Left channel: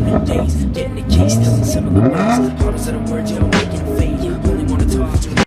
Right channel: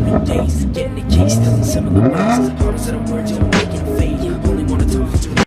Every day's getting the case, still in similar ways. Hardest of the words, you don't make it fade. Only wanna talk to.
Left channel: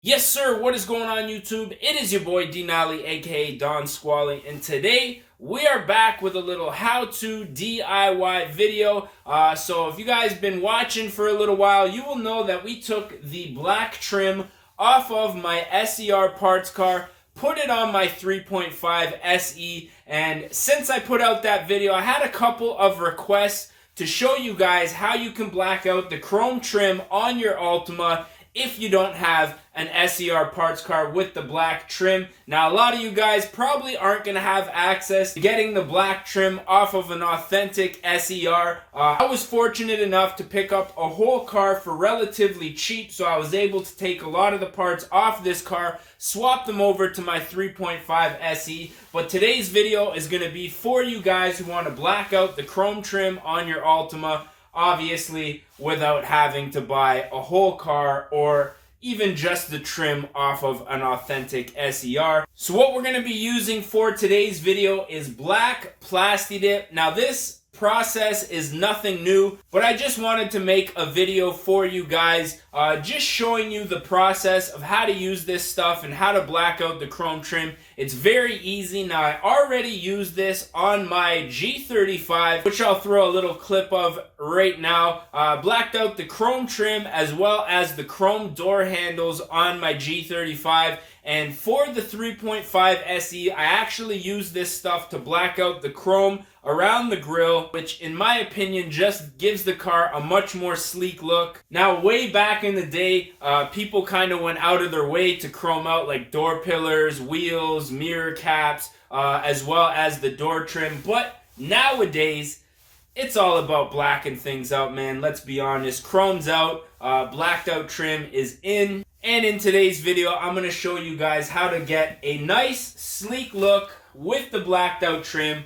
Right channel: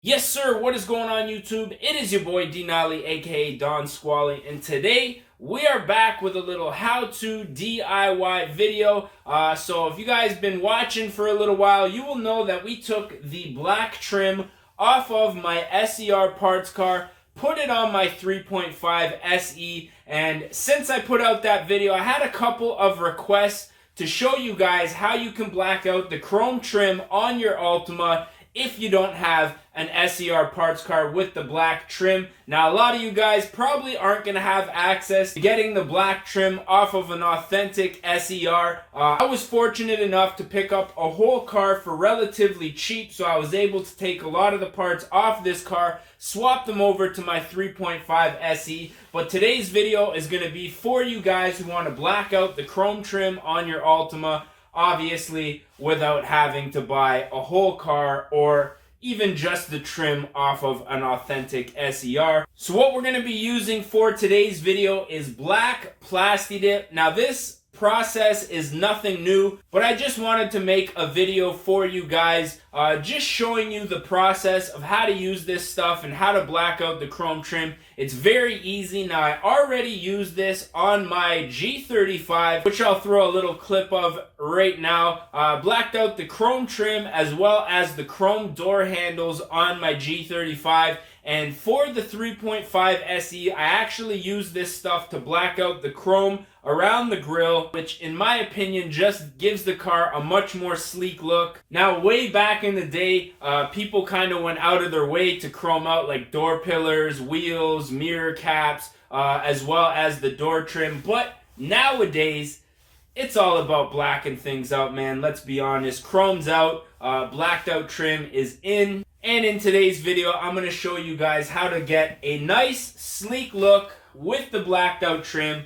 Yes, sir. What is going on, YouTube? It is your boy D Nolly, aka Don Squally, and today we are back with a little how-to DIY video. So if you guys been watching for a little while, you will know that we took the black trim off of my SER parts car, put it on my 3.5 SE, and since I put out that video, I had a couple of requests to show you guys how you can black out the chrome trim on your Altima if you don't have an SER parts car with the black trim. Now, a lot of you guys probably aren't going to have access to getting the black trim off of an authentic SER. I was fortunate enough to pick up a whole car for relatively cheap, so I was able to take a lot of the parts off this car, swap them over to my 3.5 SE. But today's video is going to be for you guys who want to black out the chrome trim on your Altima, obviously without having to buy a whole car or even just the trim off of an authentic SER. So what we're going to be using for today's video is black plasti dip. Now this process is nothing new, but I just wanted to make a video for you guys just showing you the process of how to use this stuff and how to black out the chrome trim. It's very easy. Now I already used this on my G35, which I'll throw a little clip of right now. Blacked out the chrome trim as well as the chrome door handles on my G35. And for the 3.5 SE, I actually used this stuff to black out the chrome around the grille, which in my opinion just gives the car a much more sleek look. Now, way back in the day, people kind of went out of their way to chrome out like door pillars, wheels, mirror caps, as well as the door trim. But nowadays, it's all about blacking things out, man. Let's be honest. Chrome's out, blacked out trim is in. And in today's video, I'm going to show you guys how to get a nice, sleek look with the blacked out trim.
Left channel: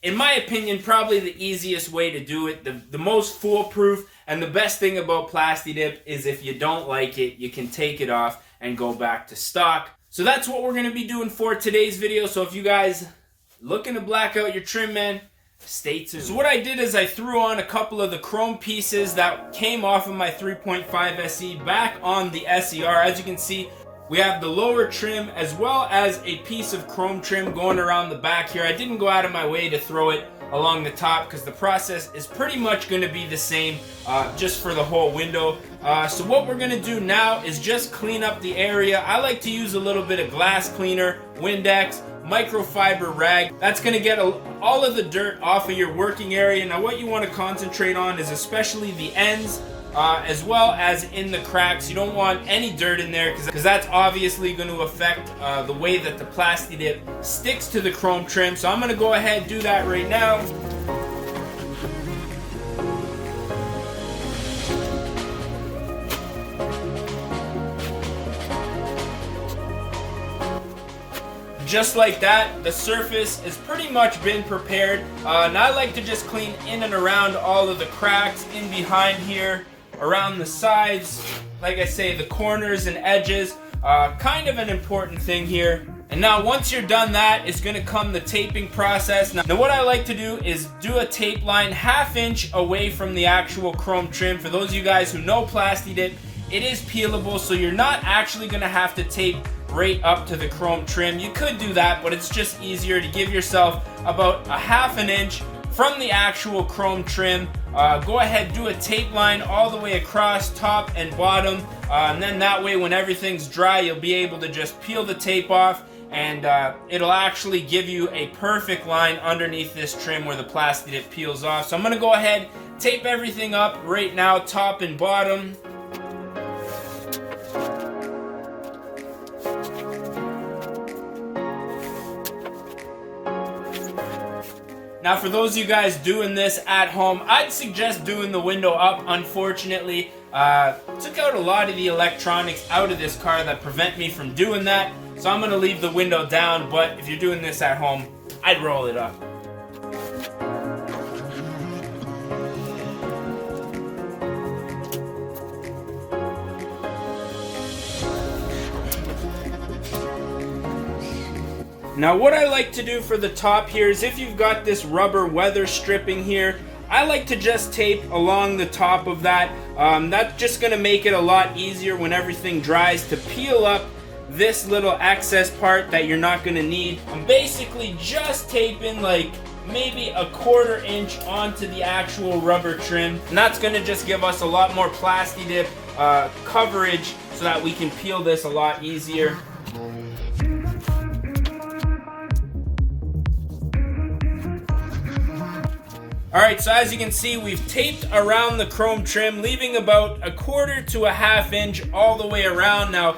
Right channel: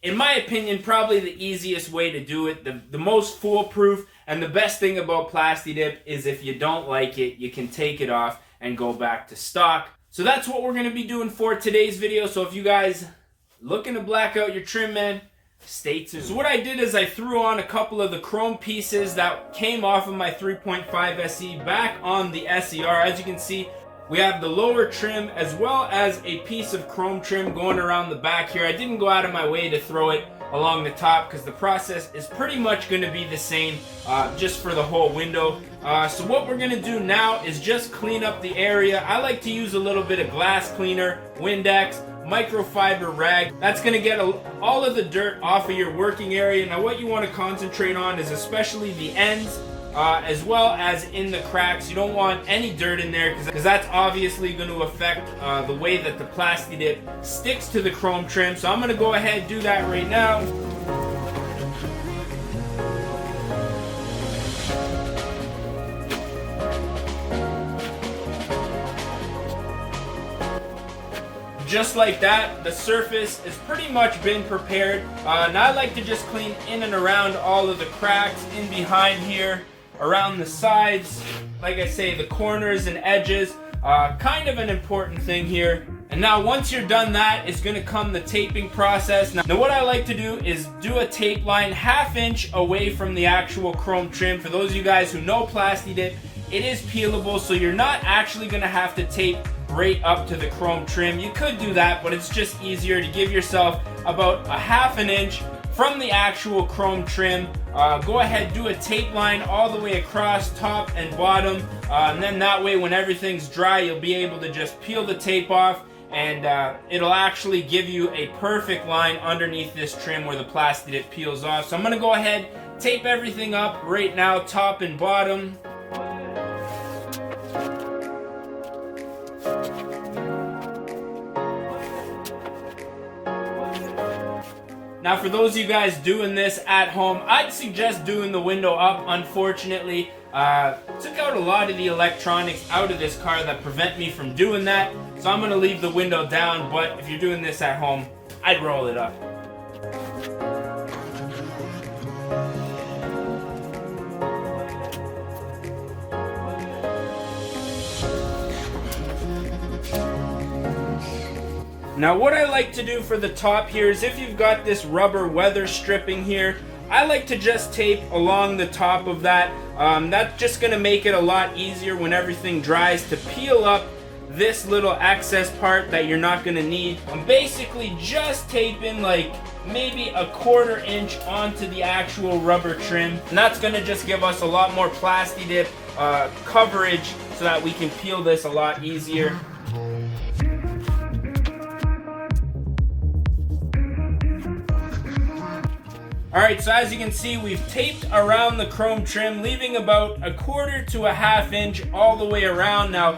In my opinion, probably the easiest way to do it, the most foolproof, and the best thing about plasti dip is if you don't like it, you can take it off and go back to stock. So that's what we're going to be doing for today's video. So if you guys looking to black out your trim, man, stay tuned. So what I did is I threw on a couple of the chrome pieces that came off of my 3.5 SE back on the SER. As you can see, we have the lower trim as well as a piece of chrome trim going around the back here. I didn't go out of my way to throw it along the top because the process is pretty much going to be the same just for the whole window. So what we're going to do now is just clean up the area. I like to use a little bit of glass cleaner, Windex, microfiber rag. That's going to get all of the dirt off of your working area. Now what you want to concentrate on is especially the ends as well as in the cracks. You don't want any dirt in there because that's obviously going to affect the way that the plasti dip sticks to the chrome trim. So I'm going to go ahead and do that right now. Just like that, the surface has pretty much been prepared. Now I like to just clean in and around all of the cracks in behind here, around the sides, like I say, the corners and edges. Kind of an important thing here. And now once you're done that, it's going to come the taping process. Now what I like to do is do a tape line 1/2 inch away from the actual chrome trim. For those of you guys who know plasti dip, it is peelable, so you're not actually going to have to tape right up to the chrome trim. You could do that, but it's just easier to give yourself about 1/2 inch from the actual chrome trim. Go ahead, do a tape line all the way across top and bottom, and then that way when everything's dry, you'll be able to just peel the tape off, and it'll actually give you a perfect line underneath this trim where the plasti dip peels off. So I'm going to go ahead, tape everything up right now, top and bottom. Now for those of you guys doing this at home, I'd suggest doing the window up. Unfortunately, took out a lot of the electronics out of this car that prevent me from doing that. So I'm going to leave the window down, but if you're doing this at home, I'd roll it up. Now what I like to do for the top here is, if you've got this rubber weather stripping here, I like to just tape along the top of that. That's just going to make it a lot easier when everything dries to peel up this little excess part that you're not going to need. I'm basically just taping like maybe a 1/4 inch onto the actual rubber trim, and that's going to just give us a lot more plasti dip coverage so that we can peel this a lot easier. Alright, so as you can see, we've taped around the chrome trim, leaving about a 1/4 to a 1/2 inch all the way around. Now,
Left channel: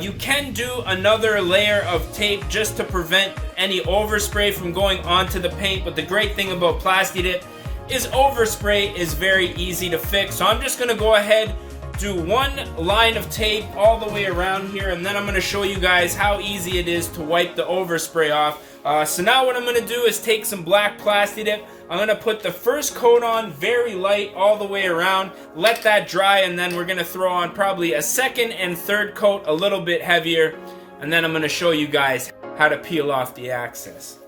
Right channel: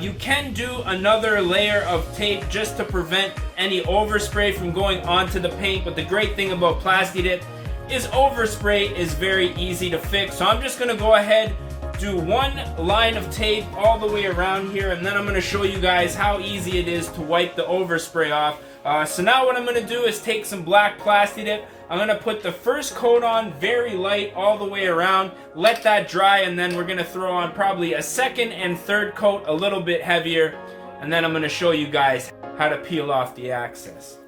you can do another layer of tape just to prevent any overspray from going onto the paint, but the great thing about plasti dip is overspray is very easy to fix. So I'm just going to go ahead, do one line of tape all the way around here, and then I'm going to show you guys how easy it is to wipe the overspray off. So now what I'm going to do is take some black plasti dip. I'm going to put the first coat on very light all the way around, let that dry, and then we're going to throw on probably a second and third coat a little bit heavier, and then I'm going to show you guys how to peel off the excess.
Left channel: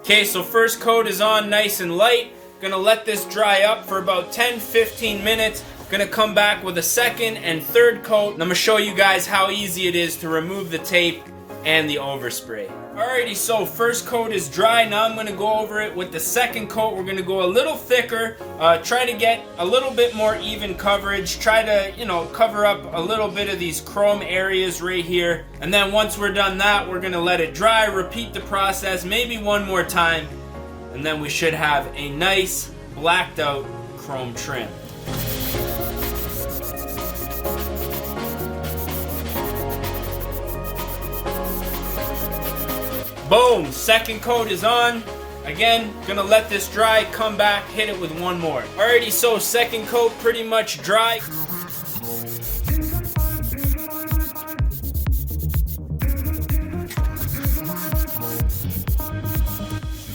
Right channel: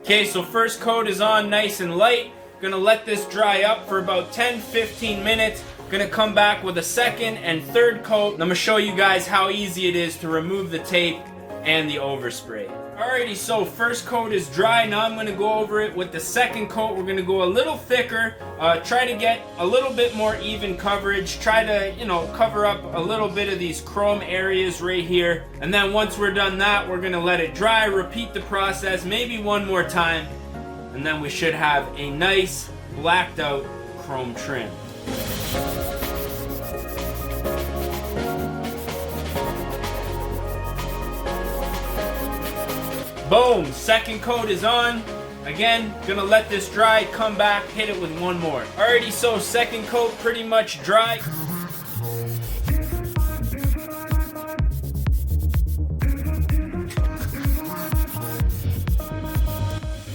Okay, so first coat is on nice and light. Gonna let this dry up for about 10-15 minutes. Gonna come back with a second and third coat, and I'm gonna show you guys how easy it is to remove the tape and the overspray. Alrighty, so first coat is dry. Now I'm gonna go over it with the second coat. We're gonna go a little thicker, try to get a little bit more even coverage, try to, cover up a little bit of these chrome areas right here. And then once we're done that, we're gonna let it dry, repeat the process maybe one more time, and then we should have a nice blacked out chrome trim. Boom, second coat is on. Again, gonna let this dry, come back, hit it with one more. Alrighty, so second coat pretty much dry.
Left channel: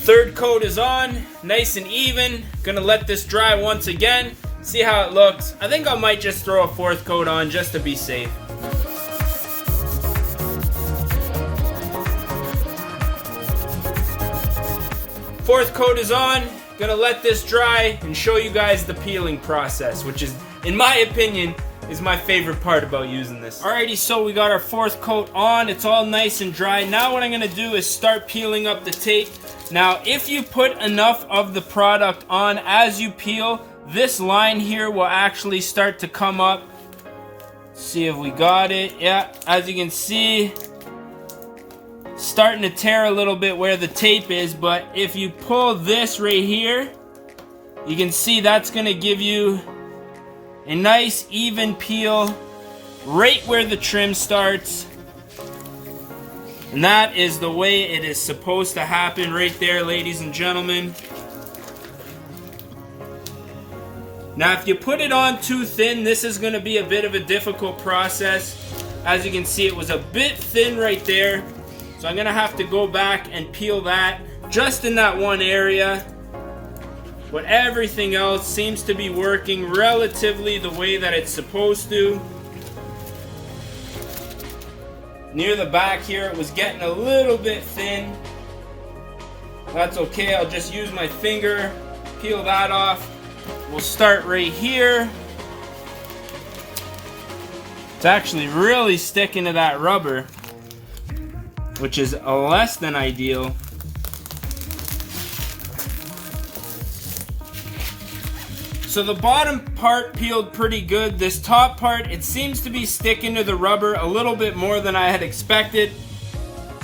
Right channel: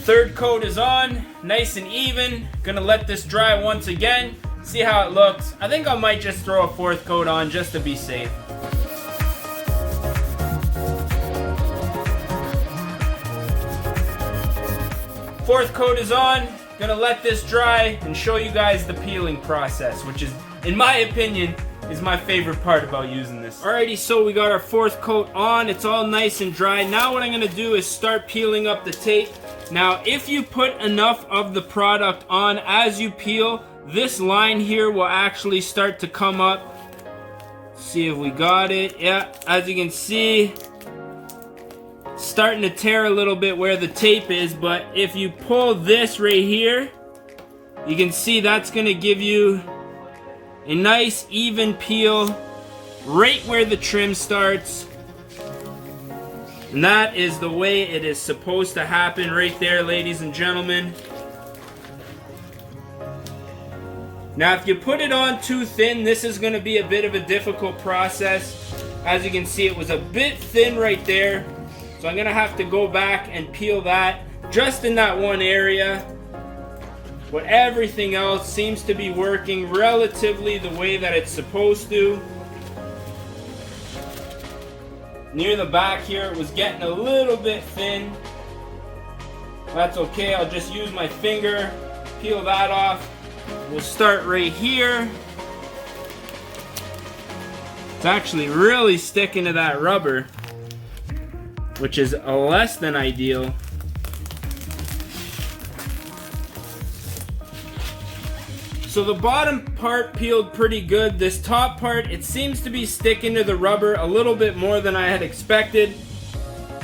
Third coat is on, nice and even. Gonna let this dry once again, see how it looks. I think I might just throw a fourth coat on just to be safe. Fourth coat is on, gonna let this dry and show you guys the peeling process, which is, in my opinion, is my favorite part about using this. Alrighty, so we got our fourth coat on, it's all nice and dry. Now what I'm gonna do is start peeling up the tape. Now, if you put enough of the product on as you peel, this line here will actually start to come up. See if we got it. Yeah, as you can see, starting to tear a little bit where the tape is, but if you pull this right here, you can see that's going to give you a nice even peel right where the trim starts. And that is the way it is supposed to happen right there, ladies and gentlemen. Now if you put it on too thin, this is going to be a bit of a difficult process. As you can see, it was a bit thin right there. So I'm going to have to go back and peel that just in that one area. But everything else seems to be working relatively the way that it's supposed to. Near the back here, it was getting a little bit thin. That's okay, I'll just use my finger, peel that off. We'll start right here. It's actually really sticking to that rubber, which is less than ideal. So the bottom part peeled pretty good. This top part, it seems to be sticking to the rubber a little bit more than I had expected.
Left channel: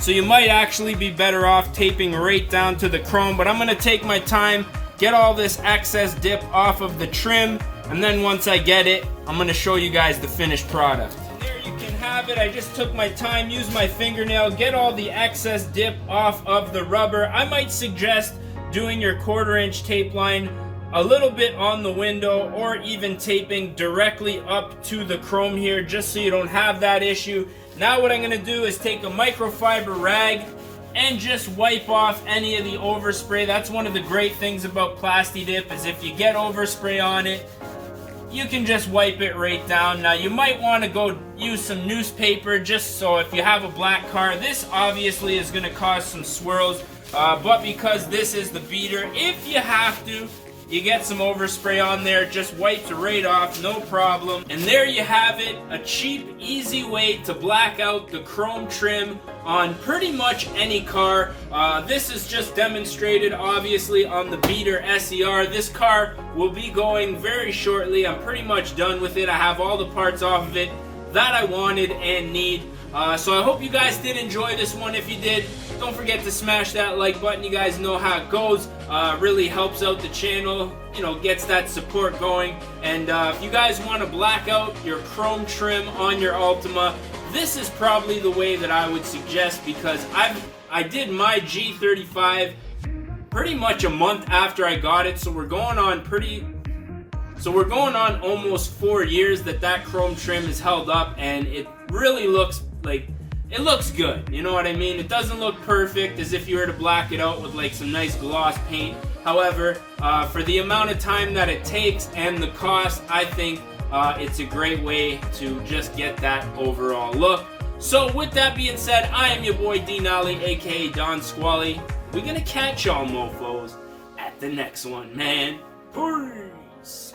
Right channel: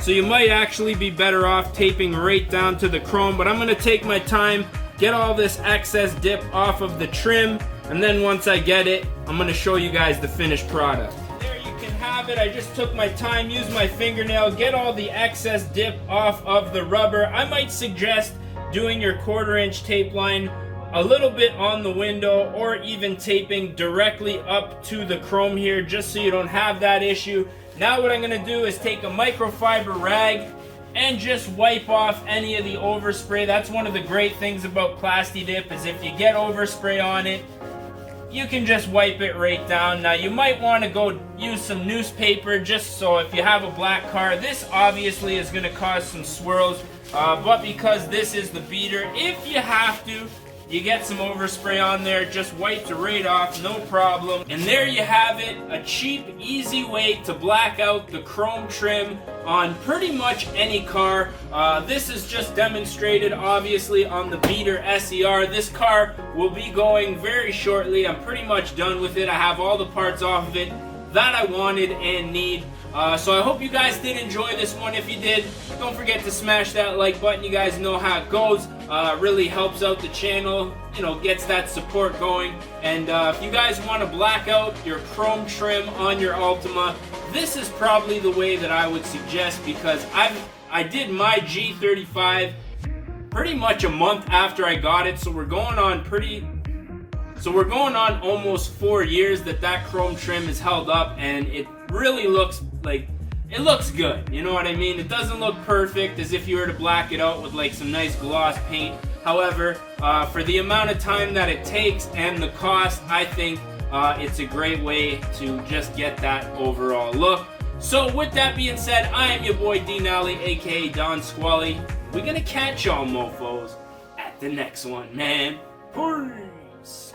So you might actually be better off taping right down to the chrome, but I'm gonna take my time, get all this excess dip off of the trim, and then once I get it, I'm gonna show you guys the finished product. There you can have it. I just took my time, used my fingernail, get all the excess dip off of the rubber. I might suggest doing your 1/4 inch tape line a little bit on the window, or even taping directly up to the chrome here, just so you don't have that issue. Now what I'm going to do is take a microfiber rag and just wipe off any of the overspray. That's one of the great things about plasti dip, is if you get overspray on it, you can just wipe it right down. Now you might want to go use some newspaper just so if you have a black car, this obviously is going to cause some swirls, but because this is the beater, if you have to, you get some overspray on there, just wipes it right off, no problem. And there you have it, a cheap, easy way to black out the chrome trim on pretty much any car. This is just demonstrated obviously on the Beater SER. This car will be going very shortly. I'm pretty much done with it. I have all the parts off of it that I wanted and need. So I hope you guys did enjoy this one. If you did, don't forget to smash that like button. You guys know how it goes. Really helps out the channel, you know, gets that support going. And if you guys want to black out your chrome trim on your Altima, this is probably the way that I would suggest, because I did my G35 pretty much a month after I got it, so we're going on almost 4 years that chrome trim is held up, and it really looks like, it looks good, you know what I mean? It doesn't look perfect as if you were to black it out with like some nice gloss paint. However, for the amount of time that it takes and the cost, I think it's a great way to just get that overall look. So with that being said, I am your boy D Nolly, aka Don Squally. We're gonna catch y'all mofos at the next one, man. Peace.